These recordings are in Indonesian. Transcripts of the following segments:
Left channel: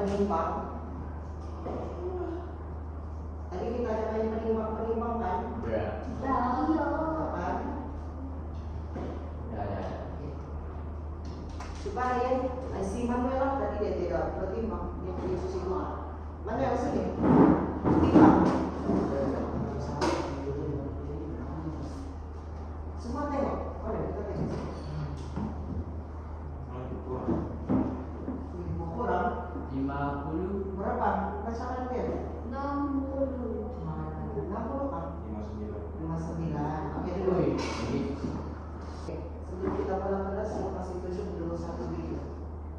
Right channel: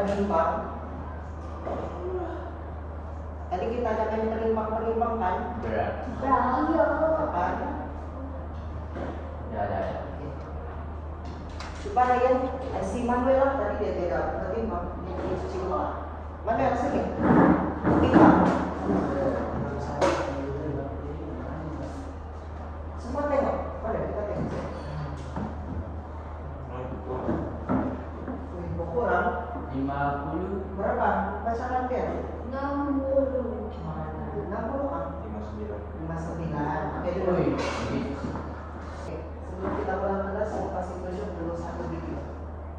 penimbang. Tadi kita ada main penimbang kan? Berat. Kan? Ada. Coba Ryan, si Manuel lah tadi dia tidak bertimbang, dia pergi cuci bola. Manuel sini, timbang. Semua tengok, mana kita tengok. Wih, kurang. 50. Berapa? Bacakan dia. 60. 60 kan? 59. Oke dulu. Wih, Oke, sebelum kita mulai kelas, saya kasih tunjuk dulu satu video.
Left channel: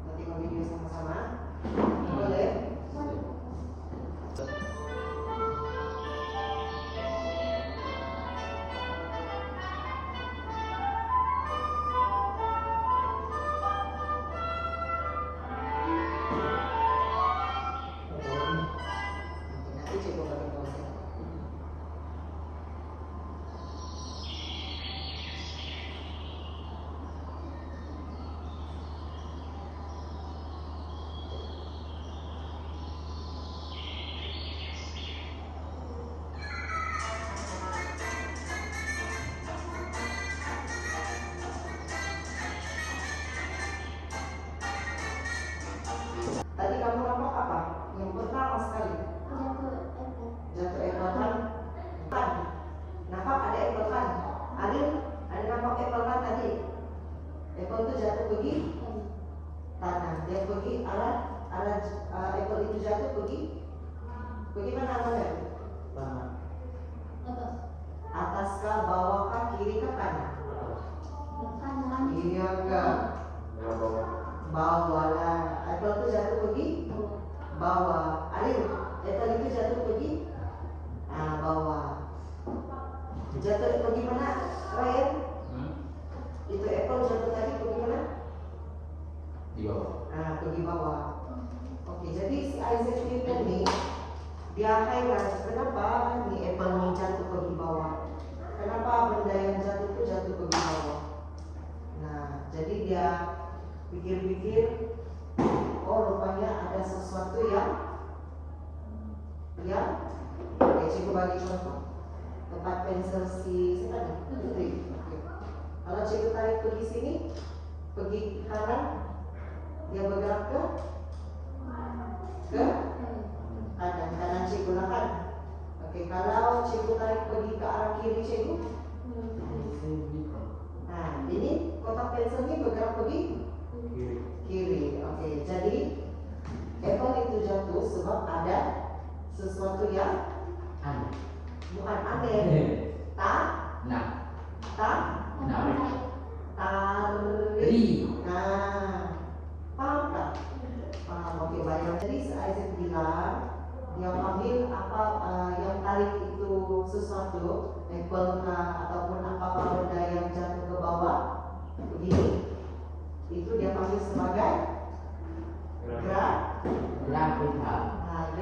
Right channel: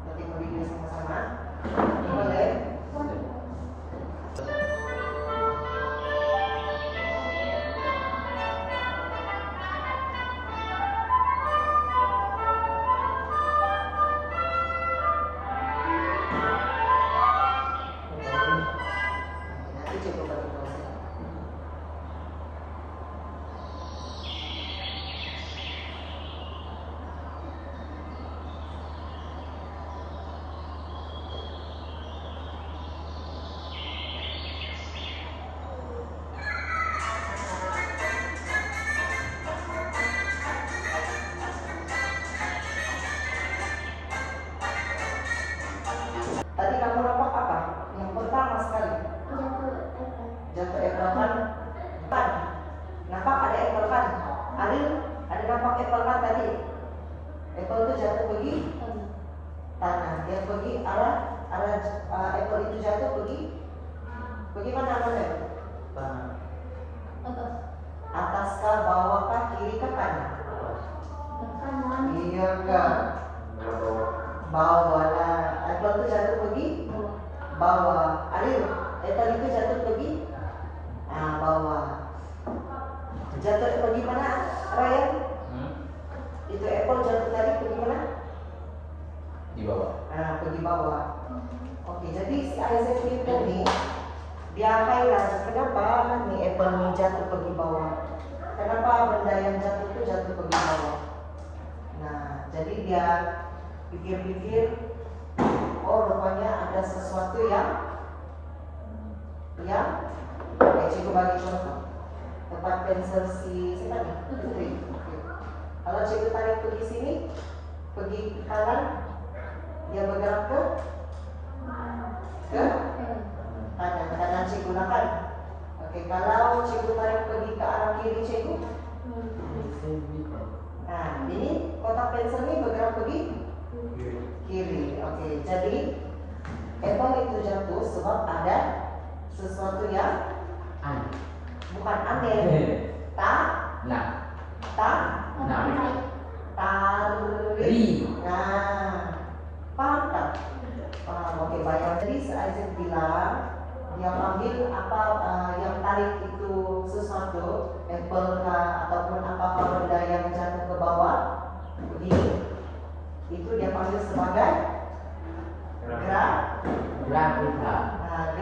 Kita tengok video sama-sama. Boleh? Nanti coba bagi pause. Tadi kamu nampak apa? Yang pertama sekali jatuh apple kan? Kan? Nampak ada apple kan? Aril, ada nampak apple kan tadi? Apple itu jatuh pergi tanah. Dia pergi arah apple itu jatuh pergi mana namanya? Atas kah, bawah kah, kiri kah, kanan? Iya kah? Bawah lah. Apple itu jatuh pergi bawah. Aril, apple itu jatuh pergi bawah. Jatuh pergi mana, Ryan? Itu apple jatuh tadi pergi mana? Di bawah. Pergi bawah. Oke, jadi si Isaac Newton nih dia highlight kenapa nih apple nih jatuh pergi bawah. Kenapa benda yang jatuh itu jatuh pergi bawah? Nah, jadi dia pikir-pikir, oh rupanya ada sesuatu yang cikgu bagi contoh. Tempat pensil si siapa nih? Putri. Oke. Kalau cikgu tarik pergi sini, pergi ke kanan, dia bergerak ke kanan cikgu lah kan? Oke, kalau cikgu tarik pergi ke arah kiri cikgu, nah ini kotak pensil ini bergerak pergi kiri. Oke, jadi apple itu jatuh sebab ada sesuatu yang bukan aneh. Tarik. Nah, paham kan? Paham. Oke, baik. Jadi Isaac bilang dia panggil apa yang tarik itu sesuatu, apple kah ataupun apa benda yang jatuh ke bawah begini, itu dia panggil sebagai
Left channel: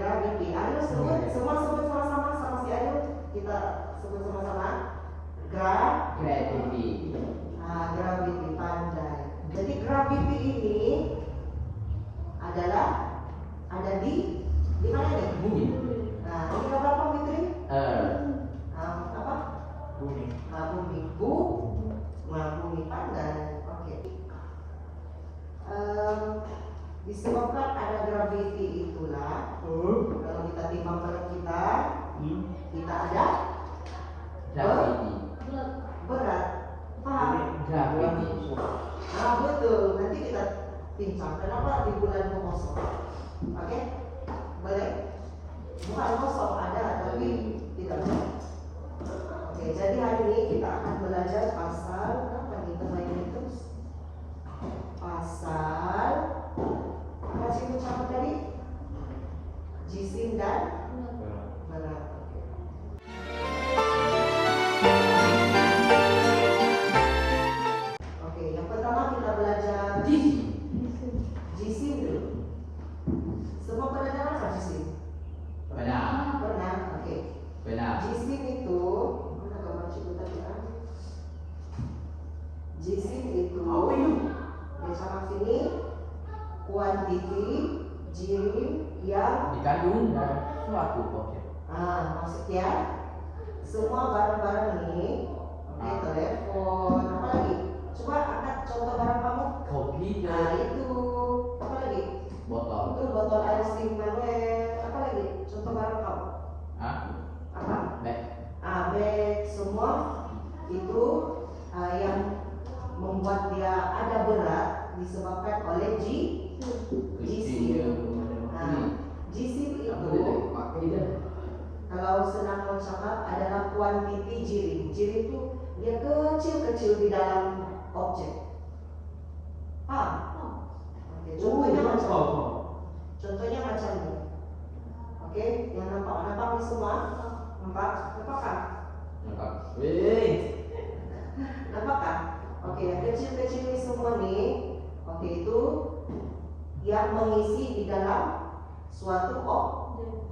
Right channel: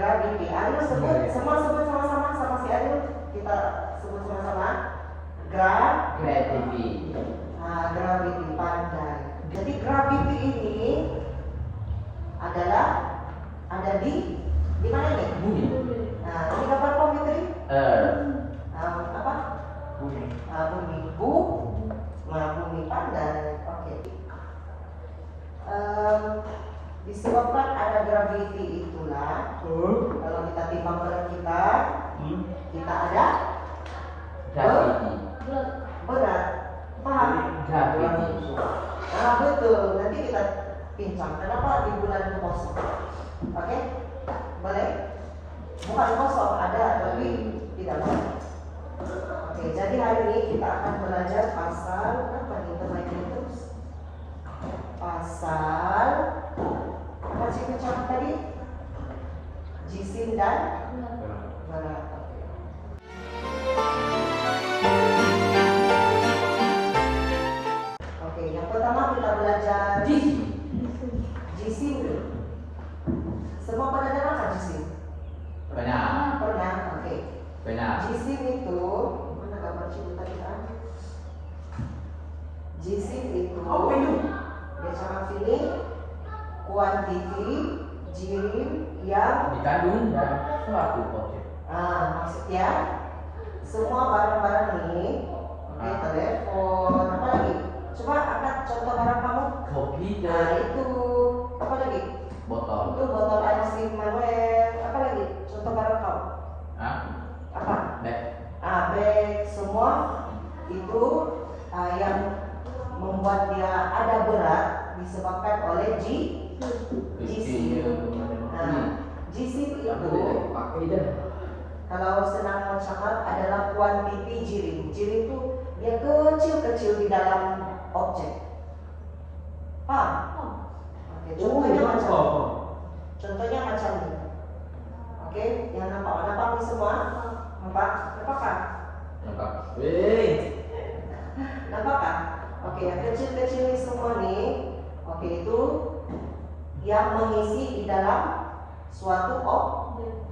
gravity. Adil sebut sama-sama sama si Adil, kita sebut sama-sama Gravity. gravity, pandai. Jadi gravity ini adalah ada di mana nih? Bumi. Nah, ini apa Fitri? Apa? Bumi. Bumi pandai. Oke. Disebabkan ada gravity itulah kalau kita timbang berat kita ada Gravity. berat. Paham? Gravity. Betul. Nanti kita pincang. Kenapa di bulan itu kosong? Oke? Boleh? Bukan kosong, ada tapi tidak boleh. Oke, jadi hari ini kita akan belajar pasal apa nih teman-teman terus? Pasal apa sih ucapan tadi? Jisim dan berat. Oke. Oke, yang pertama kita belajar jisim dulu. Semua pada dengar kan jisim? Benar. Pernah? Oke. Benar. Jisim itu mana gambar cikgu tadi kan? Jisim itu dia cakap sini quantity jirim yang dikandung dalam suatu objek. maksudnya semua barang-barang ini, oke, telepon, apa lagi? Coba angkat contoh barang kamu. Komputer, Itu apa lagi? botol, Itu botol air steam Manuel. Apa lagi? Contoh barang kamu. Apa? bag, Bag, semua itu yang membuat dia ada berat disebabkan oleh kecil, GC itu kalau senang mencatat adalah kuantiti jirim. Jirim itu dia kecil-kecil di dalam objek. Paham? Oke, contohnya macam ini. Oke, yang nampak ini semua. Nampak kan? Nampak kan? Oke, yang kecil-kecil ini semua nih. Oke, itu yang mengisi di dalam suatu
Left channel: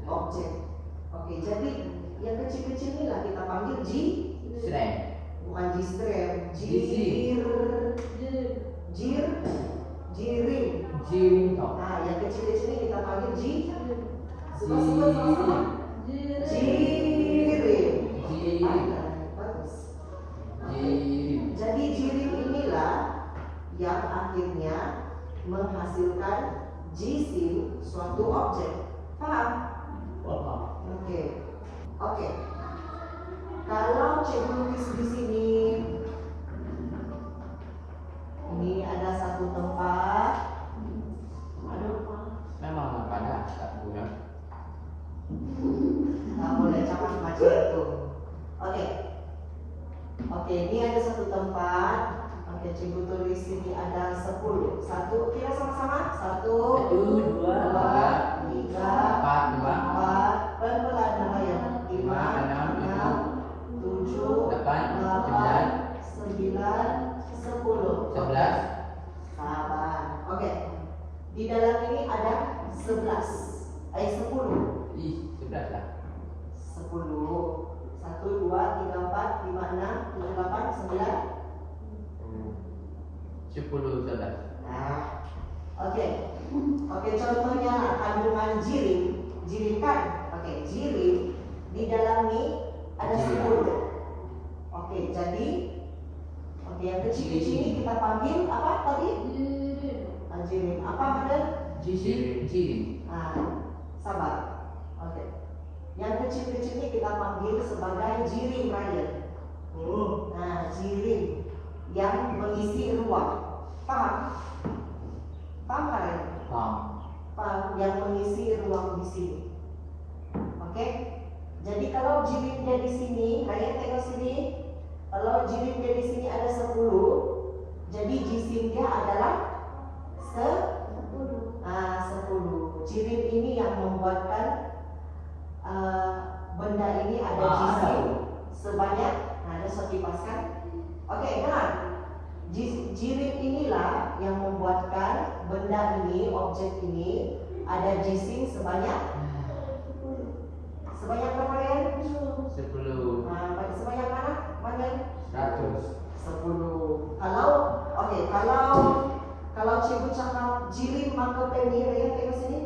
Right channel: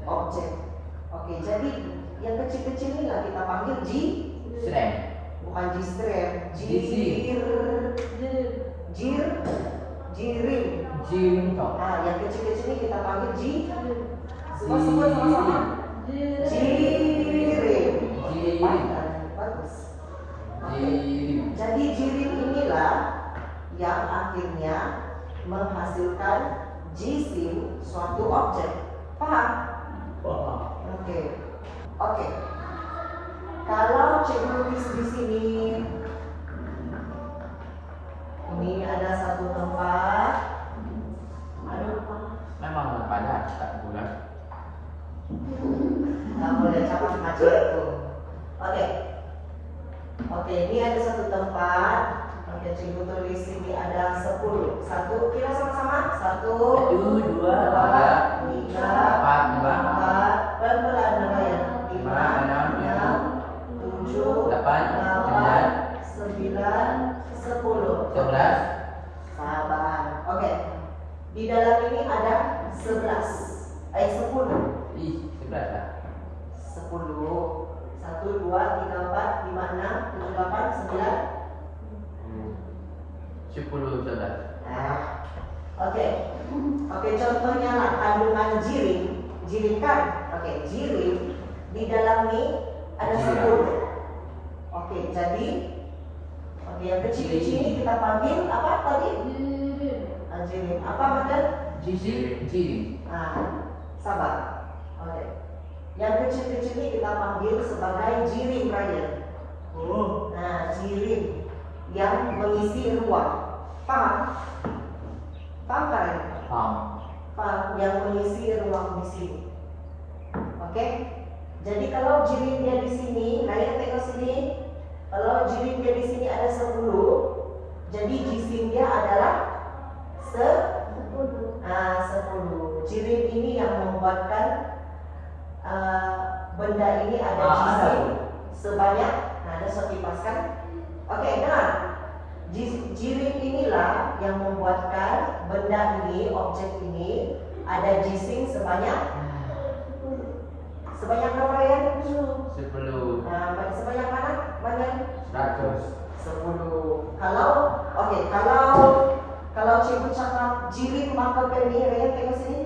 objek. Oke, jadi yang kecil-kecil ini lah kita panggil srem, bukan jistrem, jirim. Yang kecil-kecil ini kita panggil semua sama-sama jirim. Bagus. Oke. Jadi jirim inilah yang akhirnya menghasilkan jisim suatu objek. Paham? Oke. Kalau cikgu tulis di sini, ini ada satu tempat. memang pada tak bulan. Nggak boleh capai macam itu. Oke, ini ada satu tempat. Oke, cikgu tulis sini ada 10. Satu, kita sama-sama. 1, 2, 3, 4, pelan-pelan namanya. 5, 6, 7, 8, 9, 10. 11. Sabar. Oke. Di dalam ini ada 10. 11 lah. 10. 1, 2, 3, 4, 5, 6, 7, 8, 9. 10, 11. Oke, contohnya lah kandungan jirim kan? Oke, jirim di dalam ini ada 10. Oke, jadi yang kecil-kecil ini kita panggil apa tadi? Jirim. Apa Madan? Jirim. Sabar. Oke. Yang kecil-kecil ini kita panggil sebagai jirim raya. Jirim yang mengisi ruang. Paham? Paham kan? Paham. Yang mengisi ruang di sini. Oke? Jadi kalau jirim dia di sini, Raya tengok sini. Kalau jirim dia di sini ada 10, jadi jisim dia adalah 10. 10. Jirim ini yang membuatkan benda ini ada jisim sebanyak. Ada suatu dipaskan. Oke, dengar. Jirim inilah yang membuatkan benda ini, objek ini ada jisim sebanyak berapa ya? 10. Sebanyak mana? Banyak? 100. 10. Kalau cikgu cakap jirim maka ini, Raya tengok sini.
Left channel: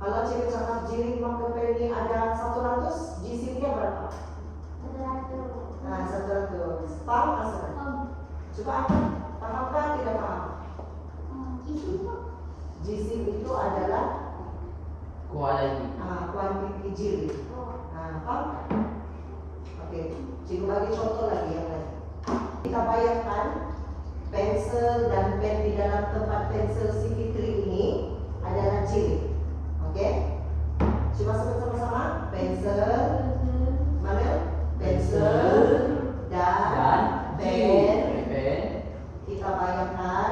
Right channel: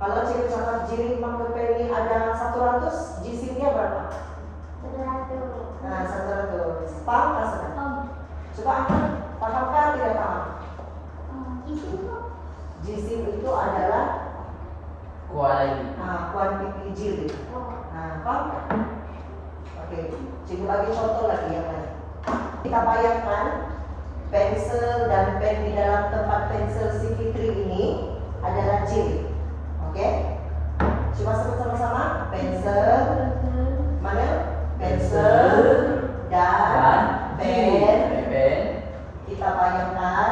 Kalau cikgu cakap jirim maka ini ada 100, jisimnya berapa? 100. Paham tak sekarang? Coba angkat. Paham kan tidak paham? Jisim itu adalah kuantiti jirim. Paham? Oke, cikgu bagi contoh lagi yang lain. Kita bayangkan pensel dan pen di dalam tempat pensel si Fitri ini adalah jirim. Oke? Coba sebut sama-sama. Pensel. Mana? Pensel dan pen. Kita bayangkan.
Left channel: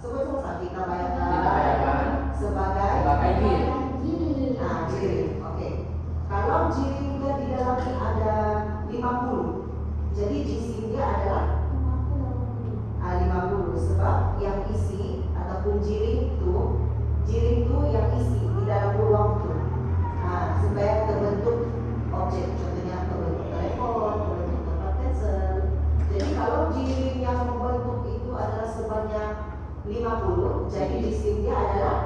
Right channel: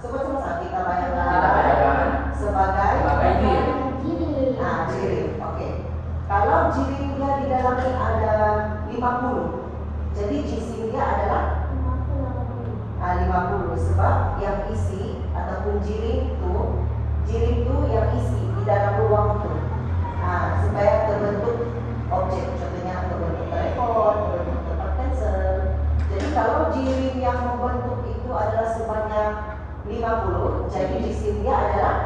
Sebut sama-sama. Kita bayangkan sebagai jirim. Oke. Kalau jirim dia di dalamnya ada 50, jadi jisimnya adalah 50. Sebab yang isi ataupun jirim itu yang isi di dalam ruang itu. Supaya terbentuk objek, contohnya terbentuk telepon, terbentuk tempat pensel. Jadi kalau jirim yang membentuk itu adalah sebanyak 50, jadi jisimnya adalah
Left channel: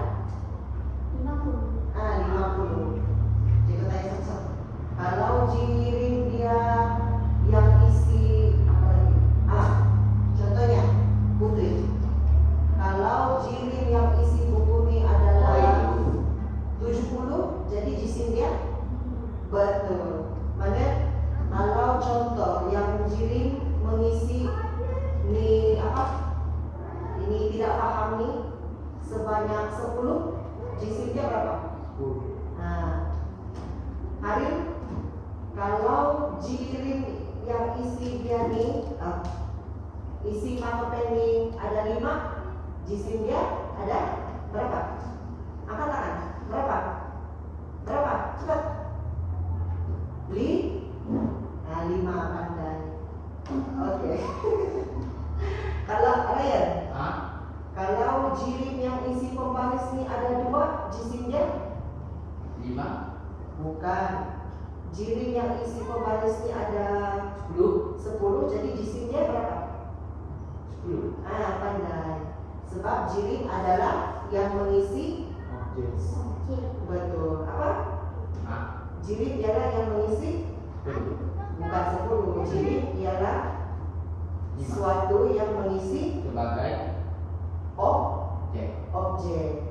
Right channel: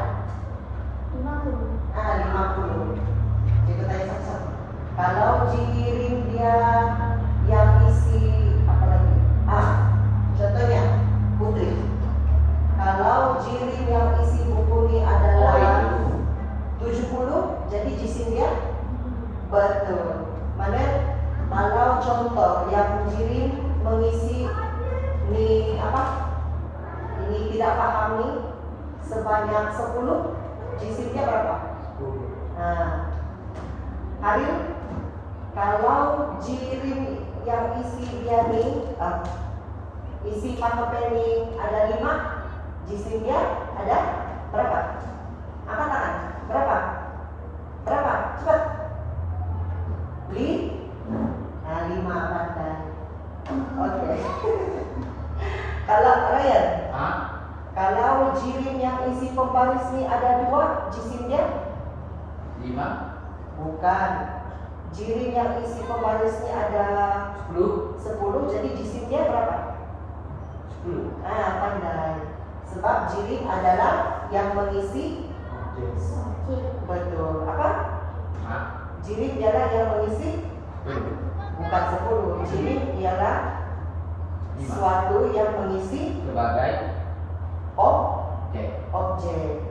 50. Jadi tanya satu-satu. Kalau jirim dia yang isi apa lagi? Contohnya Putri. Kalau jirim yang isi buku ini adalah 70, jadi jisim dia betul. Mana? Kalau contoh yang jirim mengisi ini apa? Ini tidak paham nih sebanyak 10, jisimnya berapa? Hari kalau jirim yang isi dia nih isi patopen ini ada 5, jisim dia ada berapa? Angkat tangan. Berapa? Berapa? Cepat. 5 pandai. Oke. Kalau Ryan, kalau jirim yang isi pembaris ini ada 2, jisim dia 5. bukan. Jirim yang isi pembaris ini ada 10, jadi jisim dia berapa? 10. Pandai. Sebab jirim adalah yang mengisi betul. Apa? Jirim ialah yang mengisi bukan 10. Jirim ialah suatu yang mengisi Sebagai objek. Oke,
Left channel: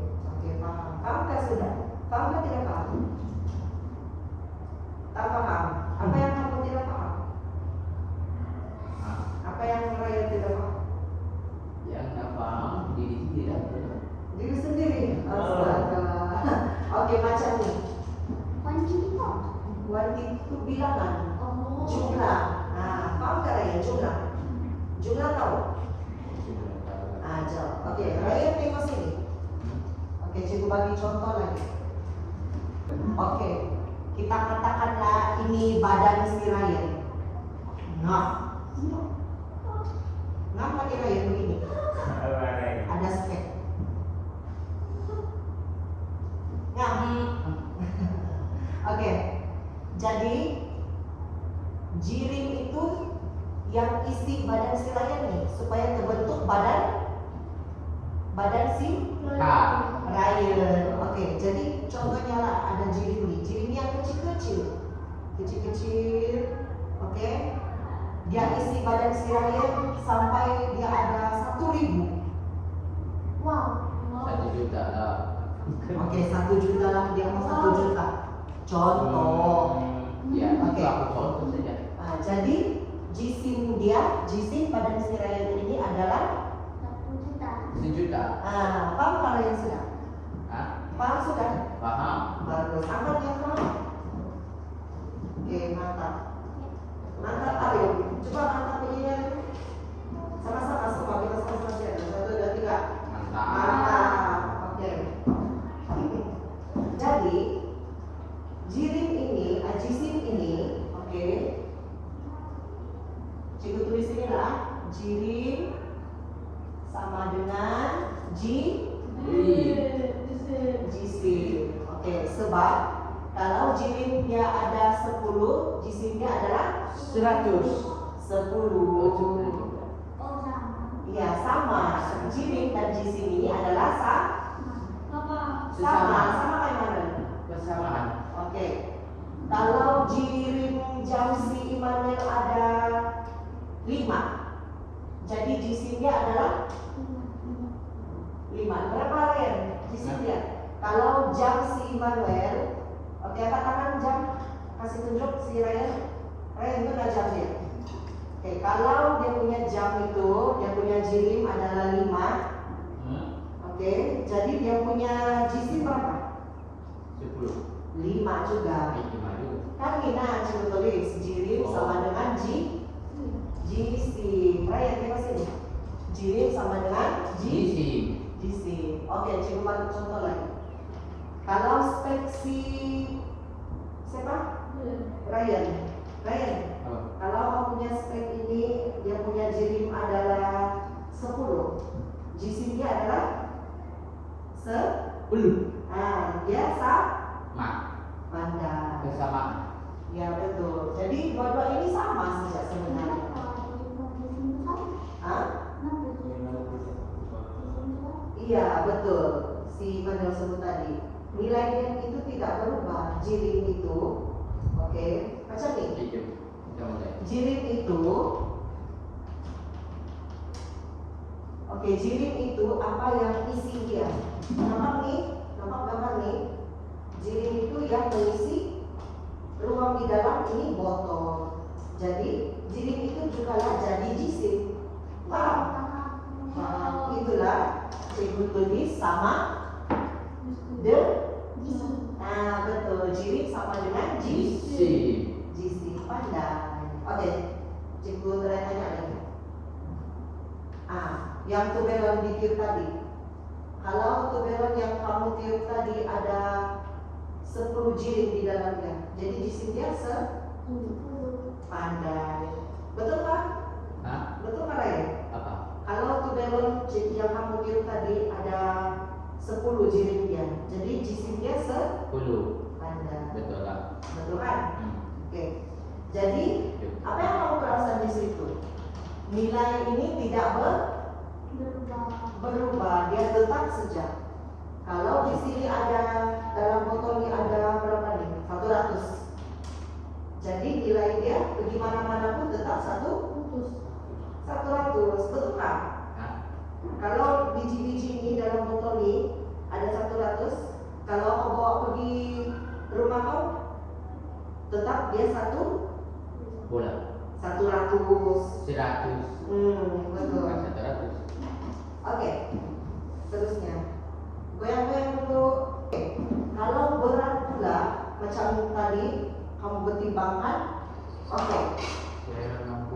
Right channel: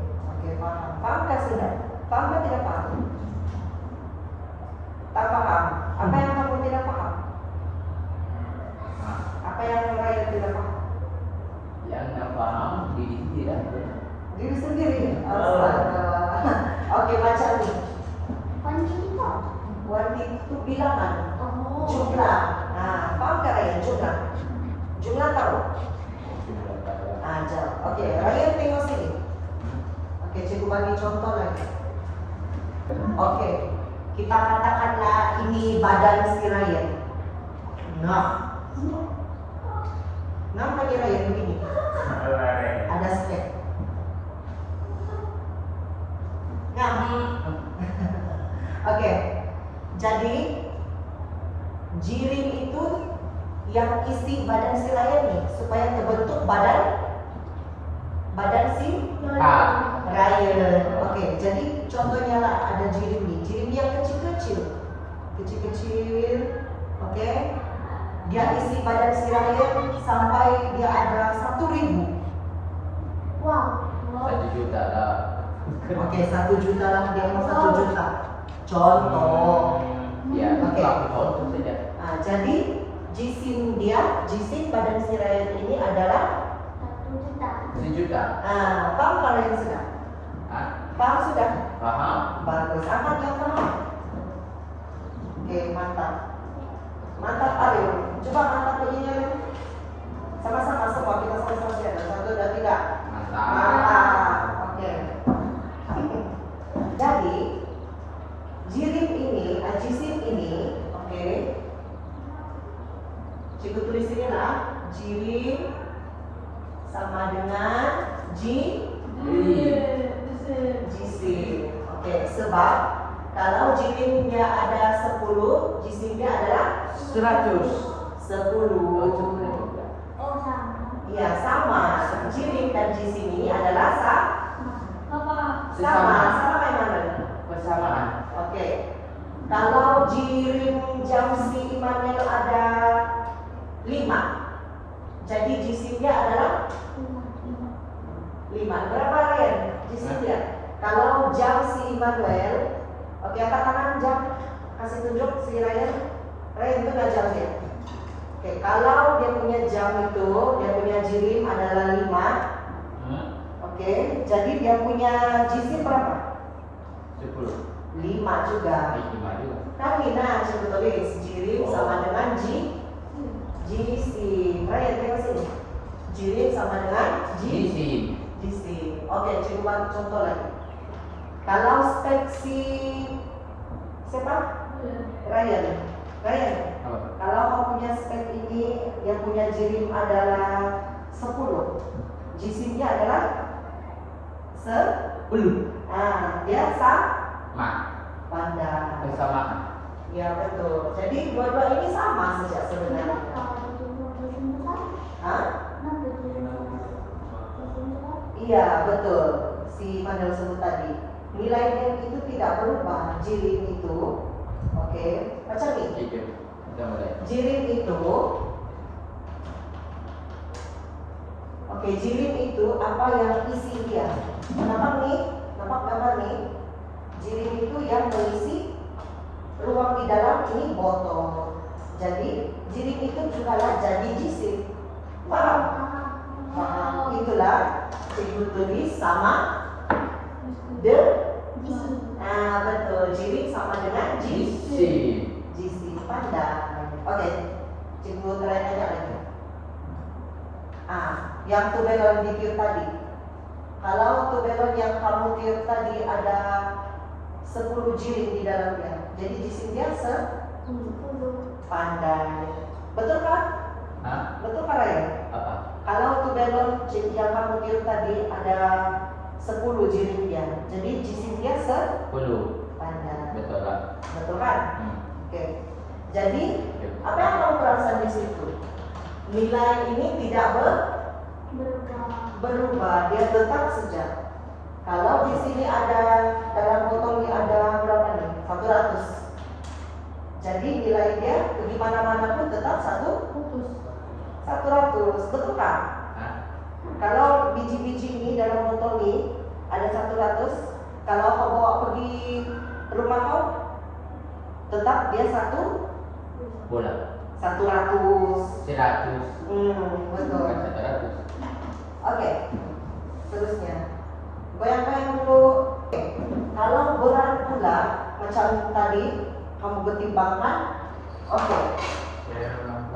paham. Paham sudah? Paham atau tidak paham? Tak paham. Apa yang kamu tidak paham? Apa yang Raya tidak paham? yang tak paham diri tidak. Diri sendiri. Oke, baca nih. Wanita itu bilangan. Jumlah. Paham tak Raya? Jumlah tahu? Jauh. Oke, Raya tengok sini. Oke, cikgu bagi contoh lagi. Oke, kita katakanlah ini badan si Raya. Nampak ni Raya begini. Ada spek. Oke, jadi jirim itu yang isi badan si Raya nih supaya terbentuk badan si Raya. Oke, jadi contohnya lah ada jirim nih. Jirim yang kecil-kecil. Oke. Dia isi badan si Raya sampai dia ada 1.000. 1 juta lah. Oke, 1 juta lah, dia mau 1 juta. Contoh. Ya, Oke. aku contoh saja. Jadi jisim badan si Raya ini adalah 1 juta. paham kalau yang sudah? Paham sudah? Paham? Bagus. Amat yang paham. Oke, mantap. Mantap Aryo. Coba mantap begini lagi. Sama-sama semua kita sama-sama lihat. 1, 2, 3. Mantap. Oke. Jadi jirim ini, jisim ini, oke. Cikgu tulis ini lah. Jirim sama dengan jisim. Oke, sebab kalau jirimnya ada 10, jisimnya adalah 10. Iya, sama. Jirim dan jisim ini adalah sama kayak mana? Persamaan. Oke. Kalau jirim jam si Immanuel ada 5, jadi jisimnya adalah 5. Berapa Ryan? Jisimnya? Kalau jam si Immanuel, oke, angkat tangan jam. Kasih tunjuk si Ryan. Ryan itu nggak jam dia. Oke, kalau dia punya jam itu, dia punya jirim adalah 5. Oke, jadi dia punya jisim berapa? 10. 5 juga. 5 juga. Kan Mina coba tulis jirim sama dengan jisim. Ryan tengok sini. Jirim sama dengan jisim. Oke, coba contoh lagi. Kalau spek si siapa? Ryan. Apa? Kalau kau punya spek ini, yang punya jirim adalah 10, jisimnya adalah 10. Dia pandai. Persamaan. Ya betul. Jadi dua-dua ini sama saja sebenarnya. Iya betul. Si Manuel sebut tadi. nilainya itu tidak berubah. Jirim itu, oke, macam ini. Kita mulai. Jirim itu, oke, jirim itu apa yang isi dia. Nampak nih, nampak gambar nih. Jirim itu yang mengisi ruang di dalam ini botol. Jadi jirim itu juga lah jadi jisim. Paham? Paham. Itulah cikgu tulis sama the. Nah betul, jirim sama dengan Jisim. jisim. Pandai. Oke, cikgu tanya lagi. Yang tubelon ditiup tadi. Kalau tubelon yang kamu tiup tadi ada 10 jirim di dalamnya, jadi jisim dia pandai. Betul kan? Hah? Betul kan Raya? Apa? Kalau tubelon yang kamu tiup tadi ada 10 jirimnya, jadi jisim dia 10. pandai. Betul kan? Betul kan? Hmm. Oke. Jadi apa yang kamu perasan di situ? Nilai ini tidak berubah, dia tetap saja. Kalau di sini ada dalam botol ini ada berapa nih? 100. Jadi nilai dia di mana-mana pun tetap 100. Betul kan? Hah? Kalau biji-biji ini dalam botol ini ada 100. Kalau kau bawa pergi rumah kau, tetap dia 100. Bola. 100. 100. Betul. Bukan 100. Oke. Terusnya. Goyang-goyang dulu. Oke. Kalau berat pula macam tadi kamu pertimbangkan. Oke.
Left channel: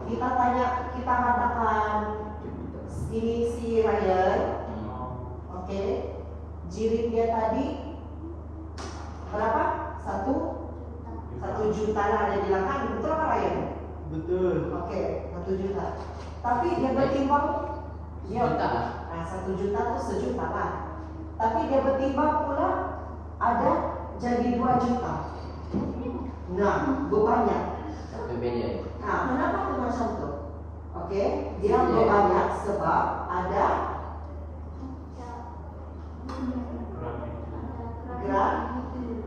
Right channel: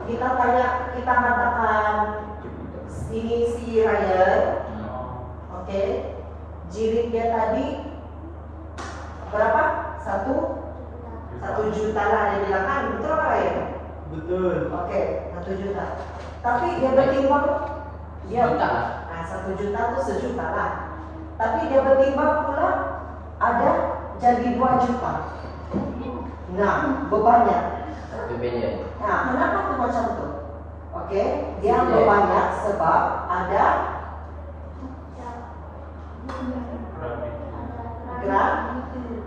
Kita katakan ini si Ryan. Oke. Jirim dia tadi berapa? 1 juta lah dia bilang kan, betul apa Ryan? Betul. Oke, 1 juta. Tapi dia bertimbang dia Juta. 1 juta itu sejuta lah. Tapi dia bertimbang pula ada jadi 2 juta. Nah, berbanyak. Berbeda. Nah, kenapa tuh macam tuh? Oke, dia berbanyak sebab ada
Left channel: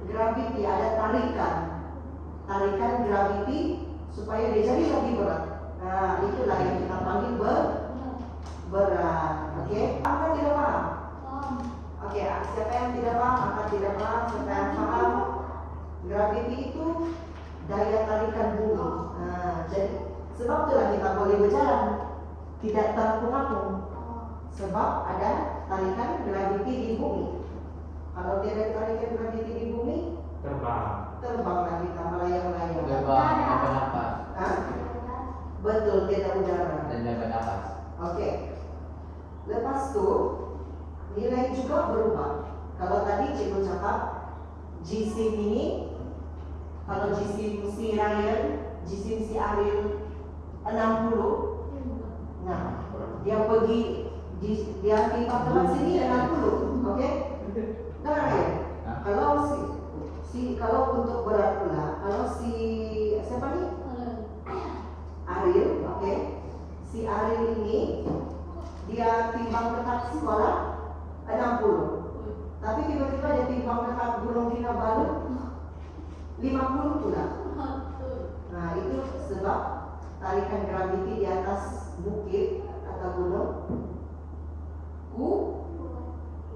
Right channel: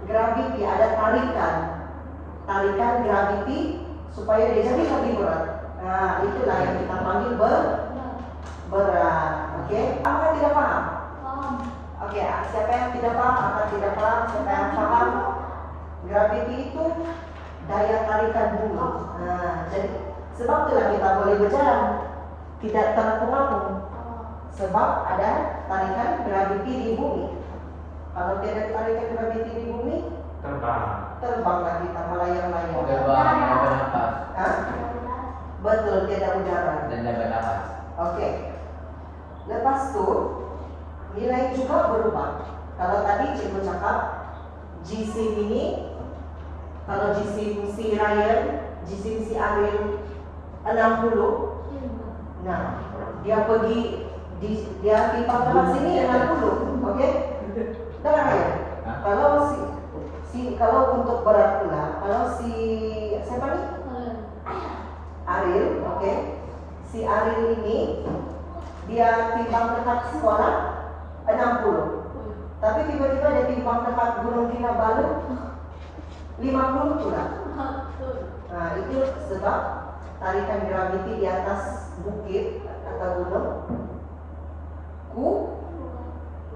gravity, ada tarikan gravity supaya dia jadi lebih berat. Nah, itulah yang kita panggil berat. Oke, apa yang tidak paham? Oke, siapa yang tidak paham akan tidak paham. Siapa yang paham? Gravity itu daya tarikan bumi. Nah, jadi sebab itulah kita boleh berjalan tidak terapung-apung. Sebab ada tarikan gravity di bumi. Kalau tidak ada tarikan gravity di bumi, terbanglah kita melayang-layang. Gerbang dapat nafas. Hah? Betul, tidak udara. Dan dapat nafas. Oke. Lepas itu nilai juga berubah. Kalau tadi cikgu cakap jisim ini, kalau jisim si Ryan, jisim si Ariel 60. Nah, dia pergi dia timbang berat sini 60. Oke? Dengar ya? Kalau kalau untuk berat pula, kalau si siapa nih? Ariel, oke. Si Ariel ini dia timbang dekat sekolah 60. Tapi tiba-tiba dia timbang dekat Gunung Kinabalu 50 pula. Nah, itu sebab tarikan graviti di atas bukit atau gunung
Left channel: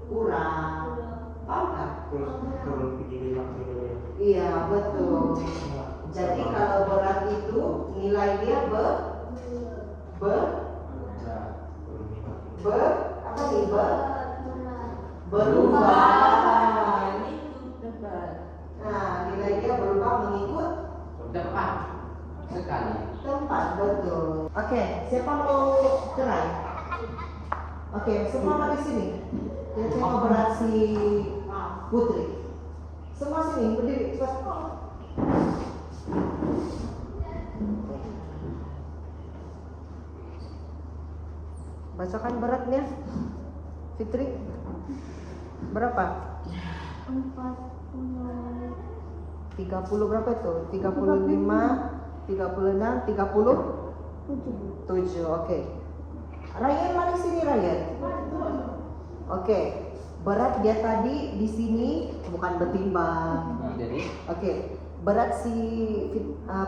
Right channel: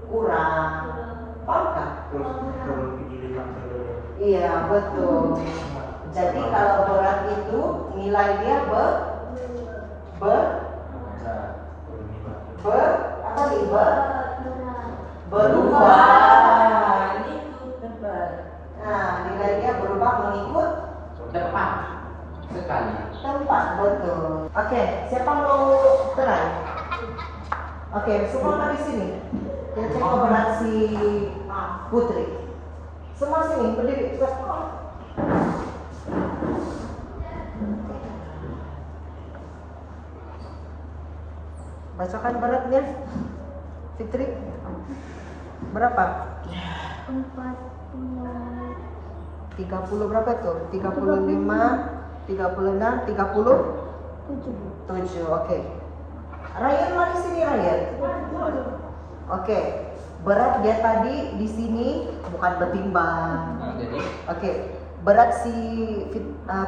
kurang. Paham kan? Iya, betul. Jadi kalau berat itu nilai dia apa nih? Berubah. Nah, nilai dia berubah mengikut Tepat sekali. tempat, betul. Oke, siapa mau try? Oke, semua di sini. Kita coba berat si Putri. Semua sini berdiri. Bacakan beratnya, Fitri. Berapa? 30 berapa tuh? 35, 36, 37. Oke. Ryan mari sini Ryan. Oke. berat dia tadi di sini bukan bertimbang. Jadi Oke, berat si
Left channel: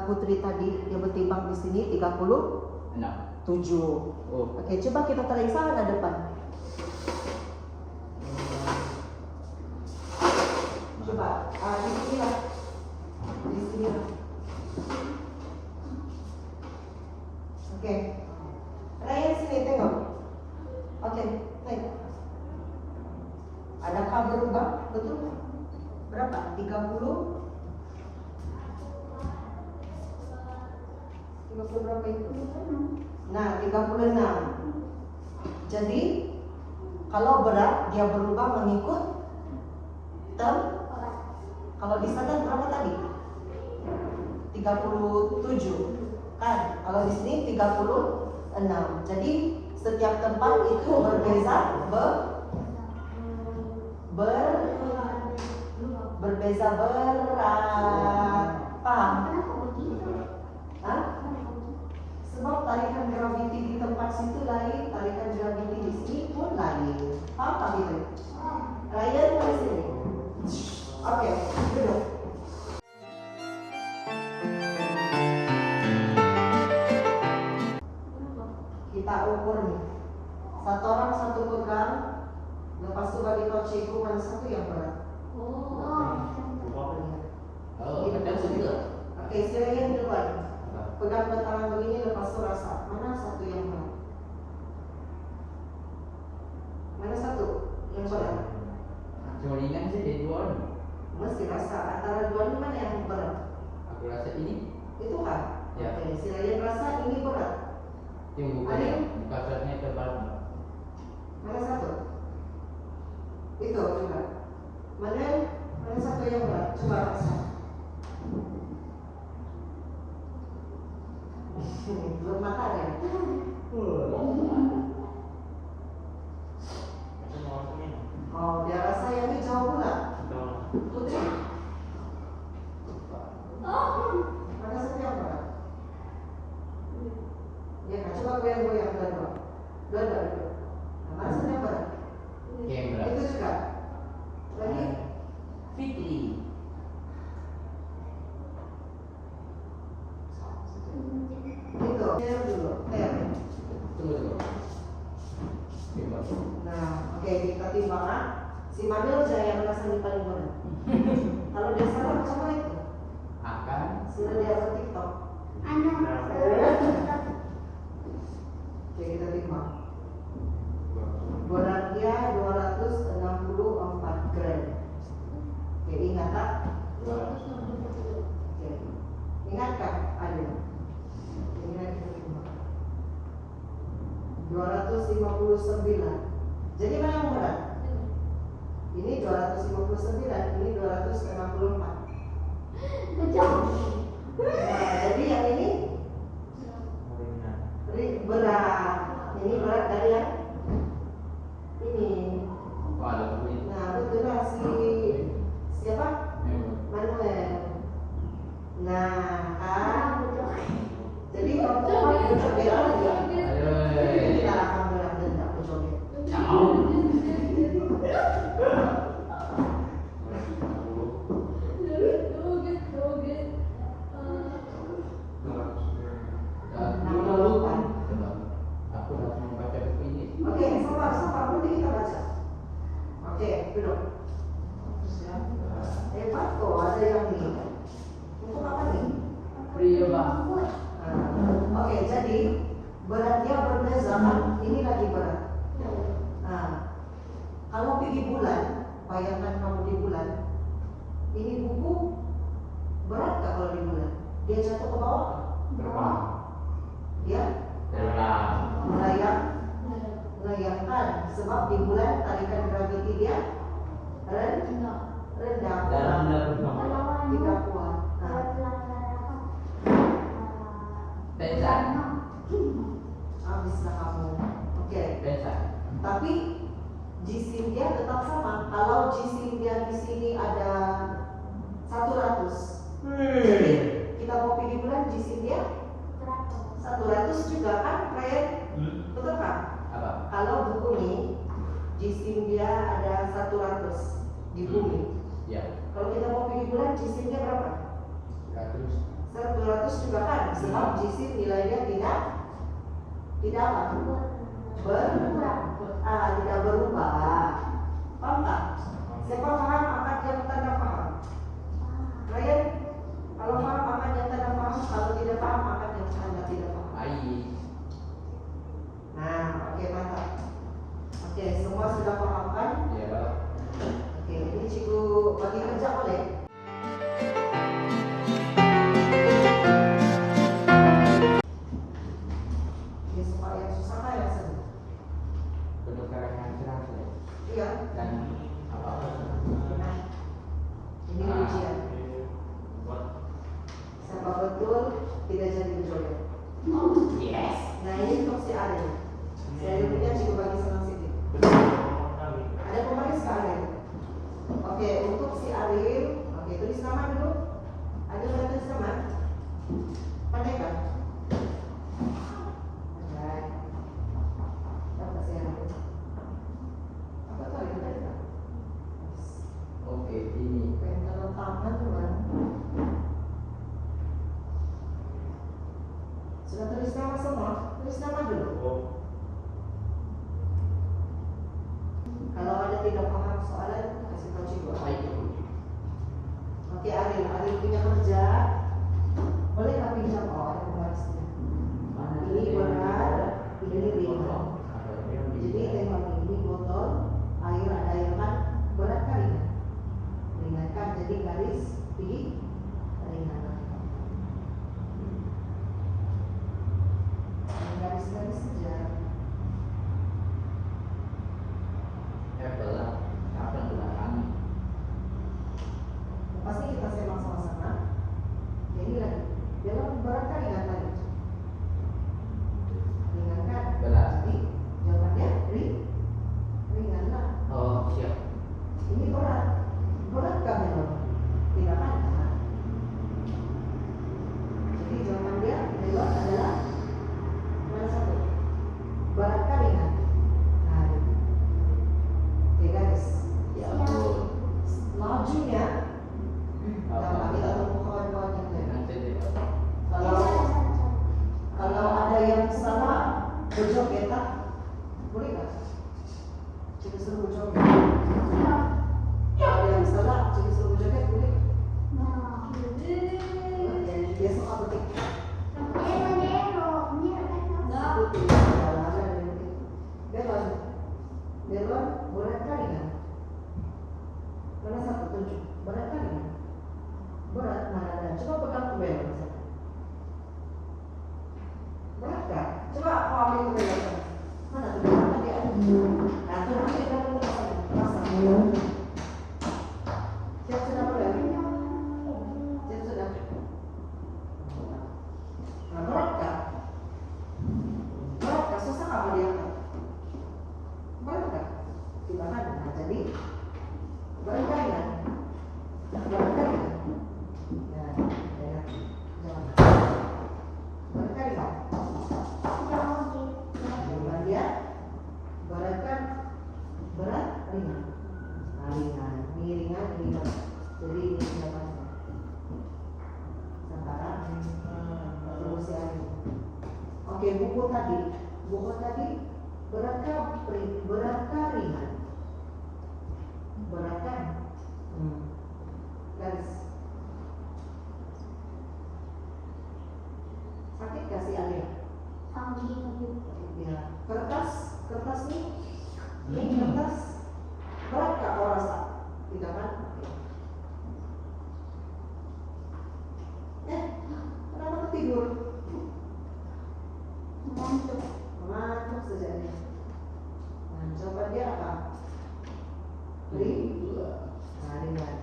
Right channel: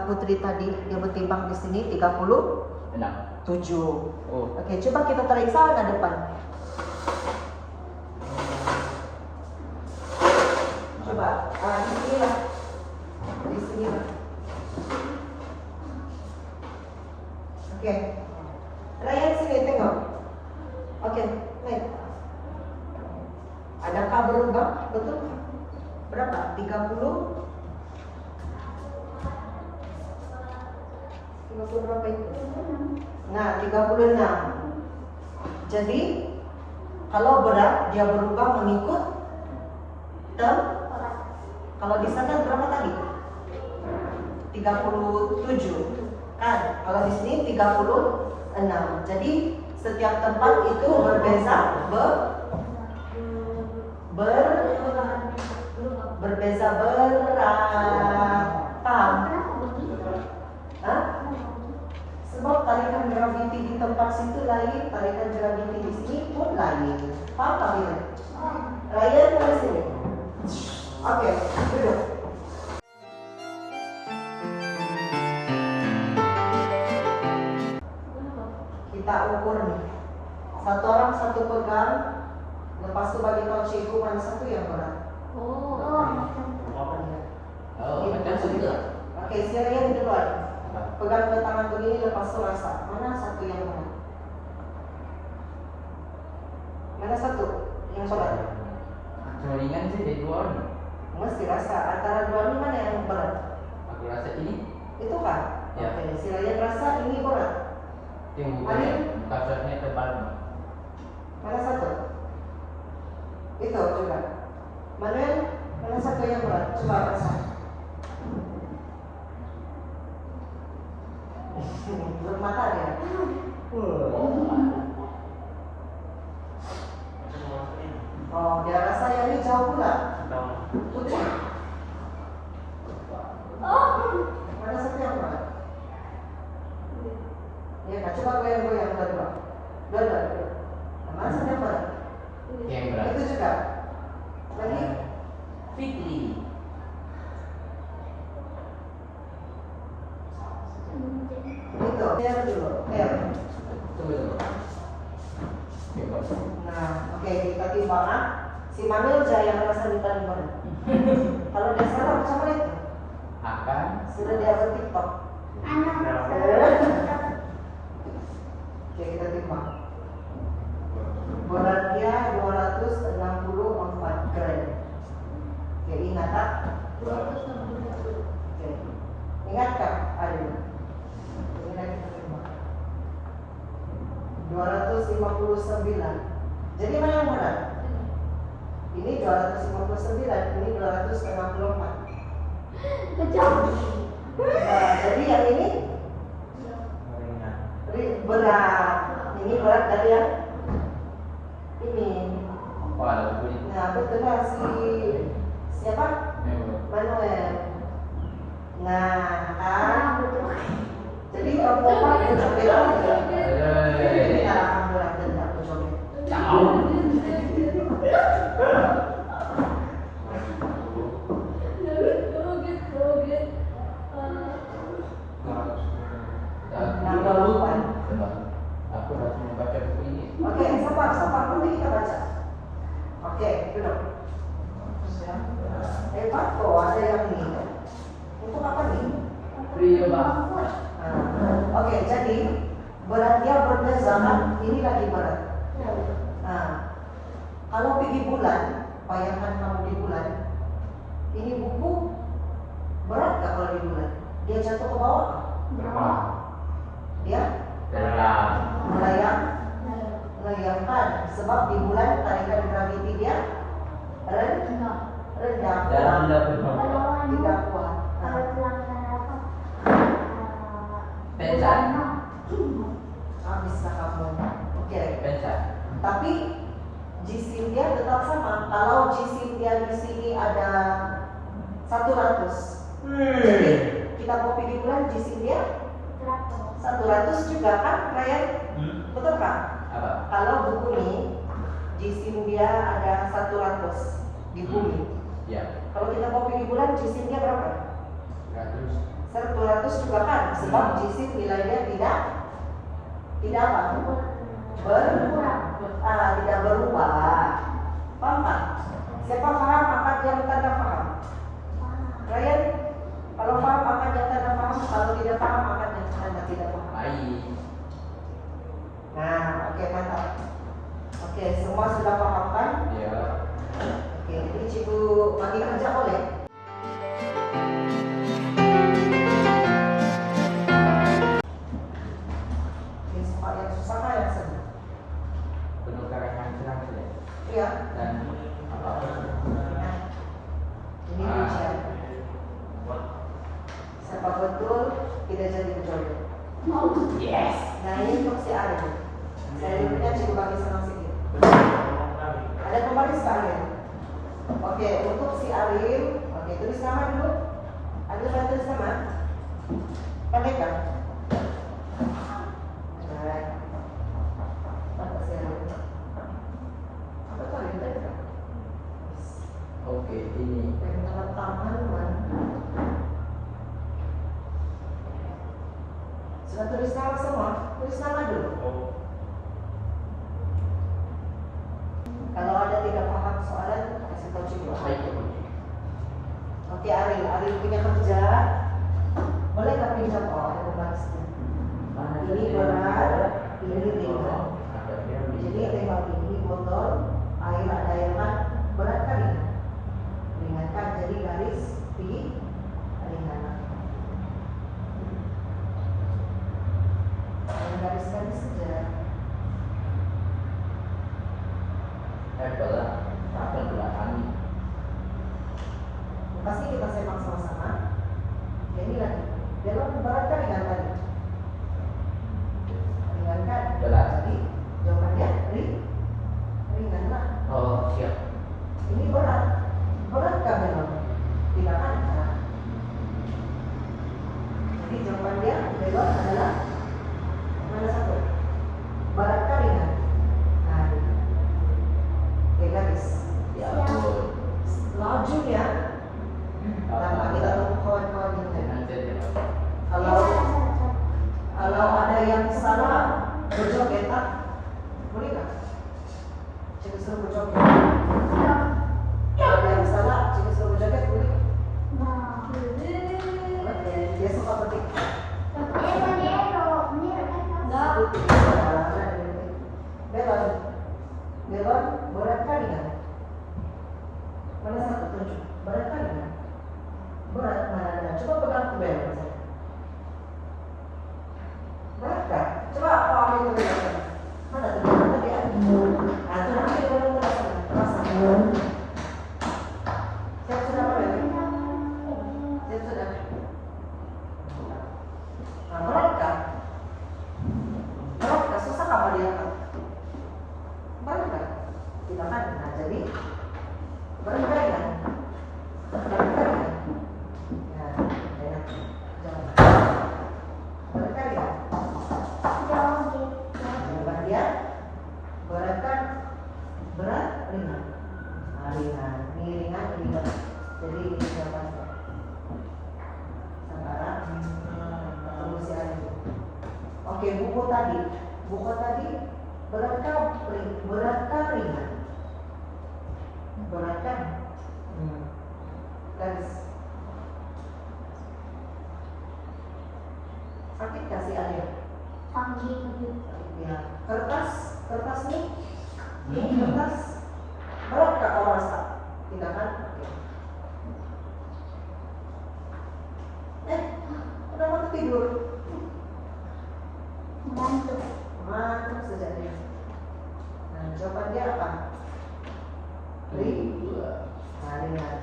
Putri tadi dia bertimbang di sini 37. 6. Oh. Oke, coba kita tarik sana depan. Coba, di sini lah. Di sini lah. Oke. Ryan sini tengok. Oke, naik. Adakah berubah? Betul? Berapa? 30? 50 berapa itu? Nah, 36. Jadi, kalau berat dia berubah mengikut term. Kalau di sana berapa tadi? 37. Kan? Kalau di sini 36. Jadi, setiap tempat itu berbeza berbeza berat. Paham? Hah? Sebab tarikan graviti di tempat situ lain, tarikan graviti di sini pun lain. Paham tak ini? Ryan di sini. Oke, duduk. Kita ukur nih. Satu orang satu pegang. Lepas itu bagi kau cikgu mana satu yang berat. Oh, Gitu, macam tu juga. Oke, silakan duluan. Pegang ke tangan begini, lepas itu rasa mana satu yang berat. Mana satu yang berat? Cuma ringan sih jadi 2 ni. Mesti rasa antara dua ini mana yang berat? Aku rasa ini Itu kan? Ya. Oke, silakan rasa ini berat. yang Alin? kasarnya tebal. Mana satu? Itu coba. Mana satu yang berat? Coba rasa. Belum makan ya? Oh, dia rasa yang ini jauh pula. Tujuh. Mana satu yang berat? Ya, nah, coba goyang-goyang dua-dua. Dua-dua. Mana satu yang berat? Yang berat. Itu juga. Lagi. Fitri. Itu. Tel dulu. Tel. Coba dulu. Bebas. Nah, oke, kita timbang ah. Si Manuel aja yang merasa di paling berat. Kalau dia salah macam mana itu? Akan Sudah dia buat TikTok. Oke, kita timbang. Berat dia 264 gram. Oke, ingat tak? Oke. Ingat tak? Ada. Ingat kita timbang. 259. Jadi mana yang berat? Ini 259, ini 264. Nah, jadi yang ini berat. Ini berat dari yang ini. apa ada bunyi? Nah, betul lah siapa? Manuel. Nah, kan? Jadi perempuan itu beda aja. Jadi kita akan berat dan tak berjoget. Ciao. Aku dah cuma baca buku ini. Oke, sabar, nanti kita baca. Oke, duduk. Hebat kok, ada yang ini. Untuk apa nih? Free bang. Oke, jadi berat dia berbeza kan? Ini lagi berat. Nah, kalau pergi bulan, bayangkan kamu di bulan. Ini buku berat gak kalau di bulan? Dia jatuh ke bawah? Berbang. Dia Dalam. melayangkan. Sebab di bulan tarikan graviti dia rendah. Dalam dah Tidak kuat. Pensan. Habislah kamu. Oke. Pensan. Tapi jisim dia tetap sama. Kalau jisim dia di sini ada 100. Jadi kita mau pergi bulan jisim dia 100 juga kan, Ryan? Betul kan? Apa? Kalau buku ini jisim dia ada 100 di bumi. Ya. Kalau kita mau pergi bulan, jisimnya berapa? 100 juga kan? Sebab jisim nilainya tidak apa? Tidak berubah. Paham tak? Siapa paham akan yang tanda paham? Ryan, kalau paham akan yang tanda paham, kalau tidak paham akan yang tanda tidak paham. Baik. Nah, oke, mantap. Oke, semua sudah paham kan? Ya. Oke, jadi cikgu bagi kerja boleh? Oke, semua yang susah kan yang senang? Penukaran serang sudah. Iya. Dan apa? Nah, ini ujian. Siapa betul tidak jadi kejodoh? Yes. Nah, ini untuk si Arya. Saya dulunya cikgu bagi senang sedikit. Ada pembaris ke Arya? Oke, untuk si Arif, oke, tulis nama dulu. Ada yang tulis nama? Pandai kan? Pandai. Apa sih Arif? Apa tuh Arif? Pandai kan? Oke, ini. Yang tanda tangan, man. Sudah tulis nama semua? Tulis nama dulu. Kalau ada tidak paham soalan, kasih tahu cikgu. Oke, Aril punya kerja. Boleh nggak pinjam? Oh, ada pembarisnya. Ini berat, ini ringan. Jadi tengok ini botol air ada yang berat kan ini? Ringan kan? Jadi garis di ringan. Garis-garis saja. Apple apa tulah kami? Pasti kita semak sama-sama. Ya, ini lagi. Belok berat kan ringan tadi? Ringan kan? Berat. Jadi jawabannya ringan lah. Oh, siap. Ini berat. Berat kan belok? Tidak kan? Nah. Jadi jawaban dia belok adalah mana satu? Berat kan ringan? Nah, oke garis. Ya, betul. Laju ya. Tanpa kita tunggu kawan-kawan yang lain. Nanti deh. Kalau ada yang salah berjoget, boleh nggak? Cikgu suruh berjoget. Kalau ada yang salah, cikgu suruh berjoget, boleh? Oke, dia suka petik. Belon, berat kali kan? Mana satu tunjuk? Berat kali kan? Berat mana ada? Coba pegang ke belon saya. Berat kan? Coba apa ambil ke belon? Mana tuh? Tadi ada. Nah, tuh ambil ke belon rasa. Siap sudah boleh? Siap sudah. Nah, berat kan? Berat kan? Susah kamu diangkat? Berat kan? Kita kan? Nah, jadi berat kan ya? Berat kan ya? Nah, enak. Jangan. Berat kan ya? Jawaban dia berat kan? Berat, ringan. Nah, ringan. Ini ringan, ringan. Jadi ini jawabannya. Sekarang ketemu si Adi. Oke, buku tadi berat kan ringan? Berat kan? Garis. Sakit kasih Alia. Ya, kertas nih. Ini kertas berat kak kau rasa? Tidak kan? Oke. Udah mau tidur. Ngantuk saja dia. Nah, jawaban dia apa? Ringan.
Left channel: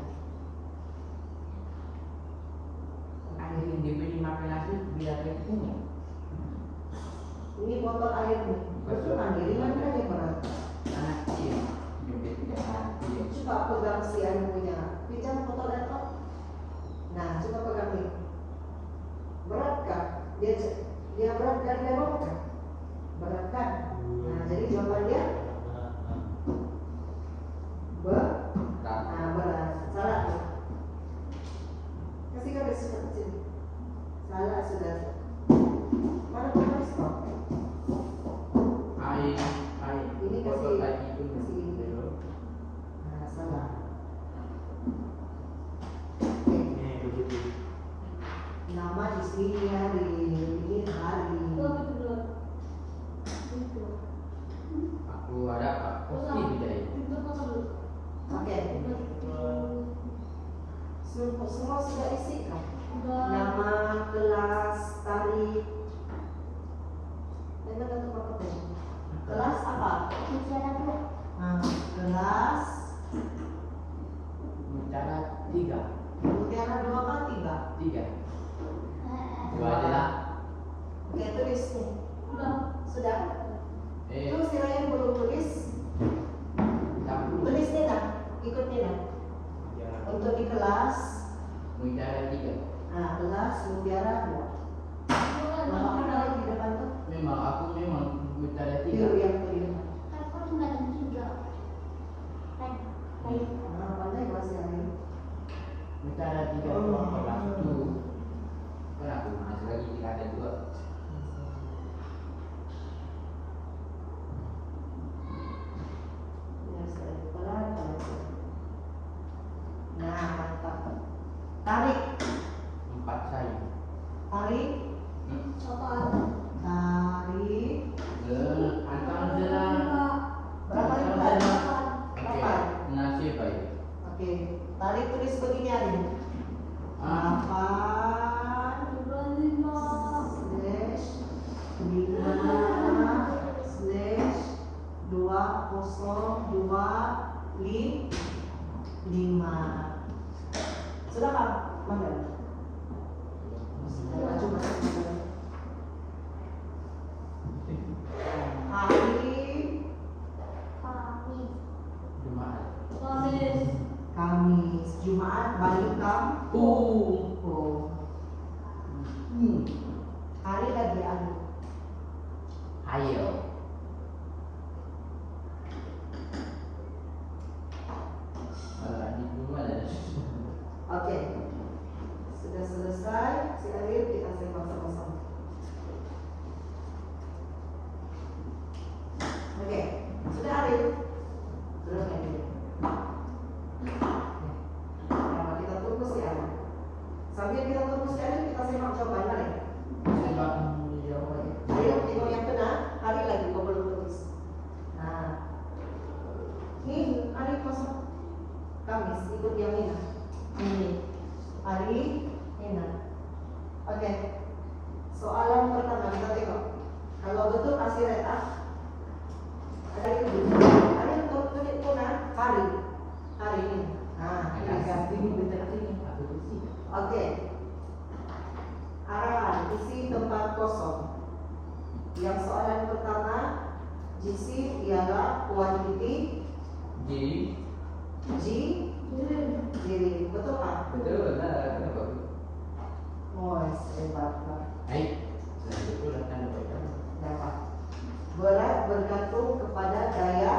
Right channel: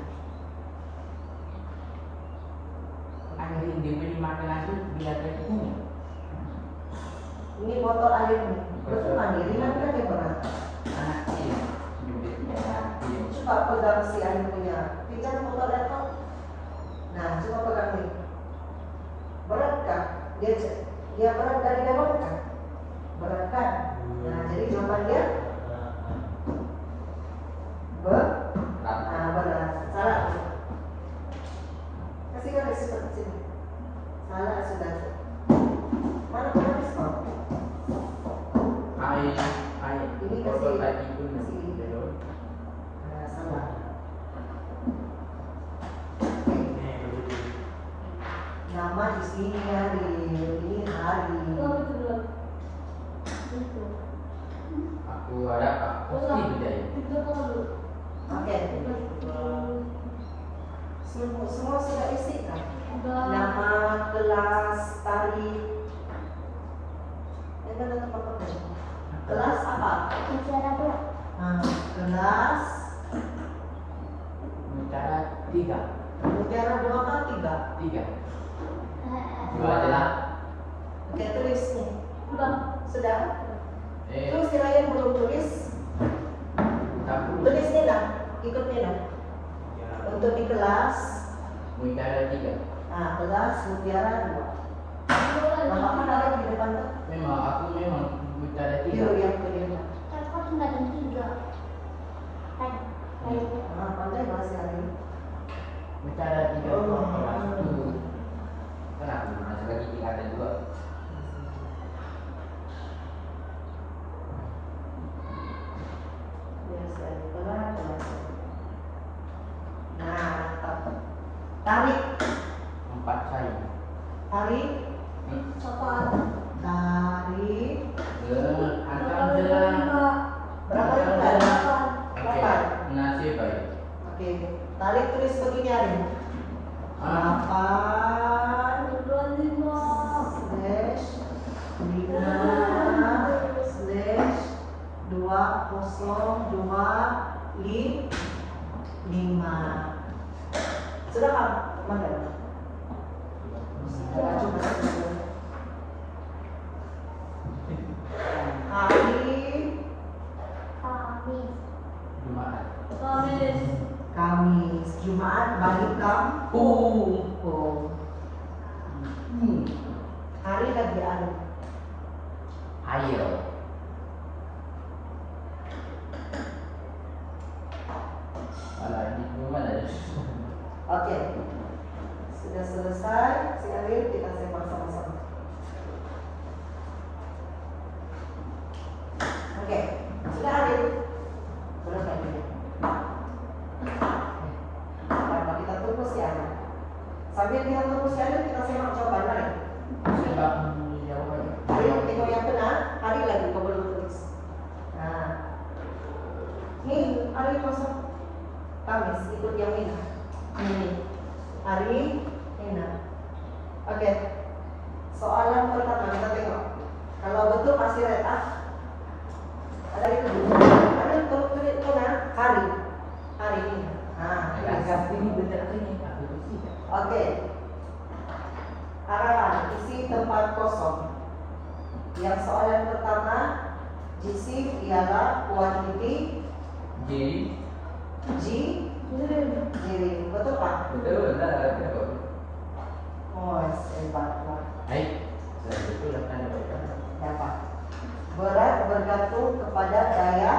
Akhirnya diberi makan lagi biar dia punya. Ini botol air nih. Betul kan? Ringan kan yang berat? Anak kecil, bibitnya anak kecil. Coba pegang si air punya. Pinjam botol air kau. Nah, coba pegang nih. Berat kan? Dia berat dari bawah kan? Berat kan? Nah, jadi jawaban dia berjaya. Oke. Semua sudah isi kan? Nama, kelas, tarik. Kelas apa? Kelas Mutiara 3. Mutiara 2 atau 3? 3. Dua aja lah. Oke, tulis nih. Sudah? Eh, Terus si Ryan belum tulis. Tulis nih lah, ikut nih lah. Untuk di kelas, Mutiara 3. kelas Mutiara 2. Nama mana ada di depan tuh? Memang aku memang Mutiara 3. Yang kelima. Pandai bahasa Ryan. Mutiara 3 itu kelas 1. Kan aku masih lagi tingkatan 2. Biasa pelan biasa. Nah, mantap. Tarik, 4 saya. tarik, tarik. Antam sedang. Berapa ringkat? Oke, nasi baik. Oke, tarik tulis begini Arin. 8 slash 5/2025. Sudah kan? Mana? Jumat. Kamis, Jumat, balik kampung. Hari lagi hari. Ayo. Malah di rumah ada. Oke, sudah selesai. Si Arif kita simak sama-sama. Oke, sudah Arif. Belum lagi. Nah, kita tunggu si Arif. Sambil kita tunggu si Arif, kita simak jawaban mana? Sebab jawabannya. Hari tengok yang benar, hari lagi kau belum tulis. Nah, nih hari masuk Kamis ikut yang ini. Ini hari ini. Oke. Soalan pertama kita tengok. Kalau betul kasih red ada itu. Ada kalau tulis mana hari ini. Nah, Ini benar ini. oke. Arahan isi tempat kosong. Yang soalan pertama, jisi ialah kuantiti Jiri, betul Pak? Betul lah. Oh, hebat lah. Hai. Saya itu datang dari mana? Dapat. Berat bergantung kepada daya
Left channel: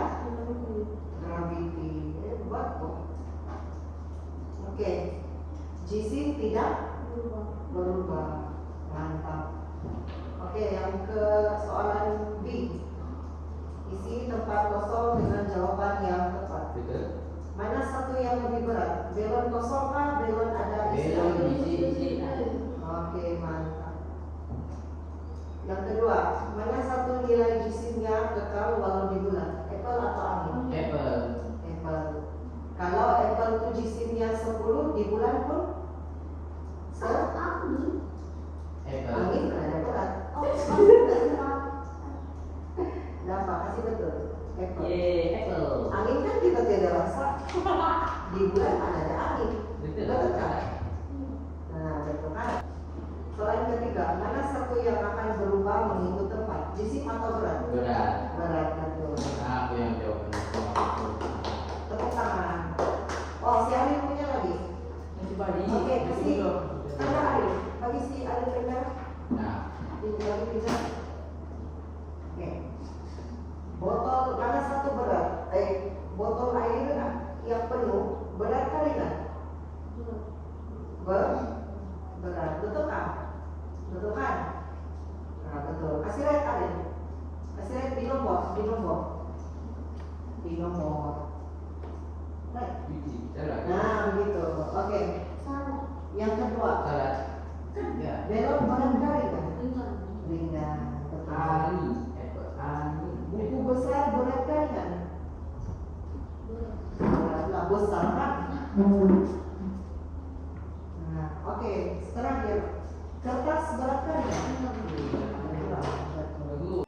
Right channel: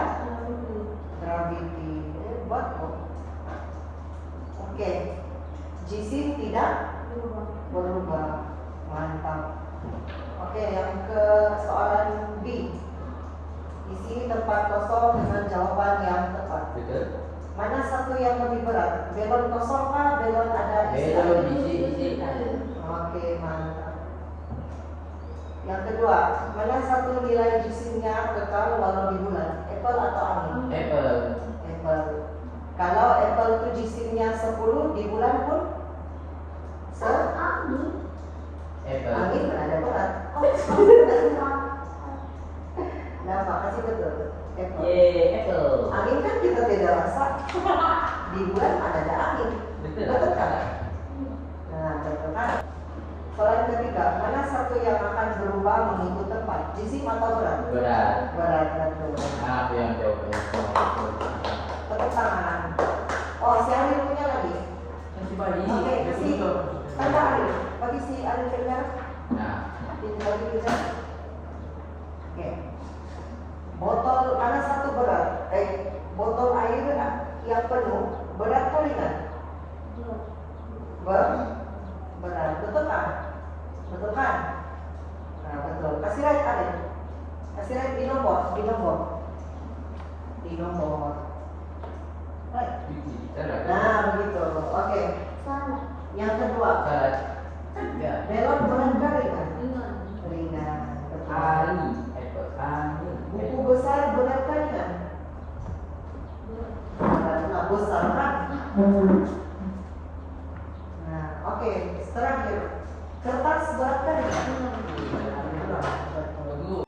graviti. Hebat kok. Oke. Jisi tidak berubah. Mantap. Oke, yang ke soalan B. Isi tempat kosong dengan jawaban yang tepat. Betul. Mana satu yang lebih berat? Belon kosong kah? Belon ada isi? Belon isi. Oke, mantap. Yang kedua, mana satu nilai jisimnya kekal walau di bulan? Apple atau angin? Apple. Apple. Kalau apple itu jisimnya 10, di bulan pun Apple. angin ada berat. Nah, makasih betul. Apple. Apple. Angin kan kita tidak rasa. Di bulan ada angin. Betul kan? Nah, betul kan? Soalan ketiga, mana satu yang akan berubah mengikut tempat? Jisim atau berat? Berat. Berat, betul. Aku yang jawab. Tepuk tangan. Oh, si Arif punya lagi? Oke, kasih. Ada Arif. Bagi si Arif benar. Nah, Ini lagi bisa. Oke. Botol mana satu berat? Botol air yang penuh berat kali kan? Berat, betul kan? Betul kan? Nah, betul. Kasih right Arif. Kasih right di nomor. Right. salah. Nah, begitu. Oke. Yang kedua, Salah. Ya. belon berat kali kan? Ringan. Betul. Ali. Apple. Ali. Buku besar berat kali kan? besar kan? Nah, oke. Terakhir, kertas berat kan? Bagus.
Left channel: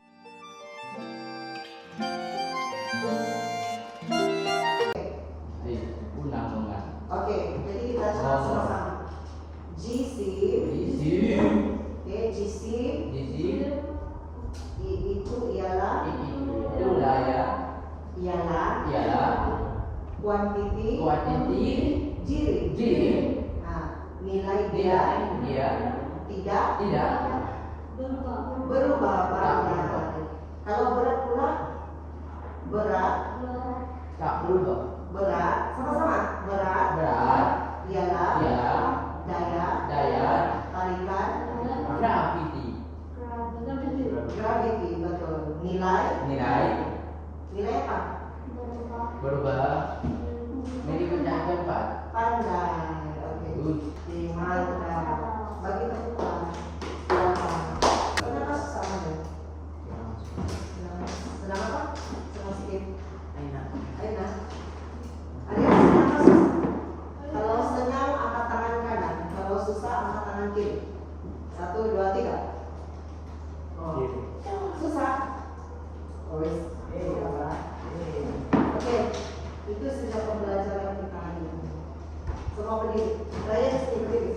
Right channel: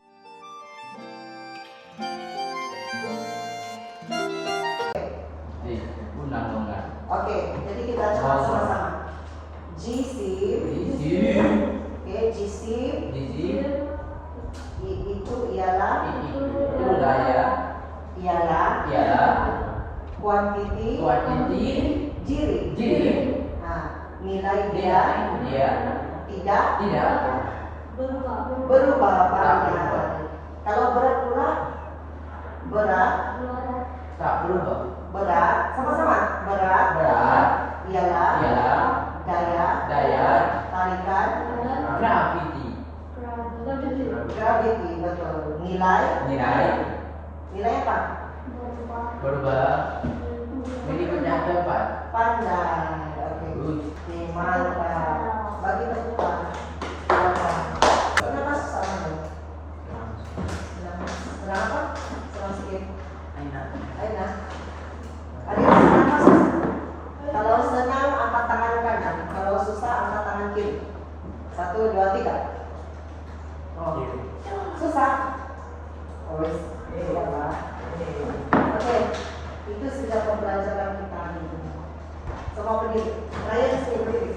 Unang banget. Oke, jadi kita coba sama-sama. Jisim. Oke, jisim. Itu ialah kuantiti jiri. Nah, nilai dia tidak berubah pada. Kalau berat pula berat sama-sama berat ialah daya tarikan gravity, betul. Nilai apa? berubah ini pencatat Pandai. Oke, mantap. Bagi mereka silakan. Kenapa susah nih? Senang apa? Senang sikit. Aina. Kenapa susah? Kalau senang angkat tangan kanan, kalau susah angkat tangan kiri. 1, 2, 3. Oh, susah. Oh, ya Pak. Oke, itu sudah pembelajaran kita hari ini. Semua berdiri. Saya di sini berdiri.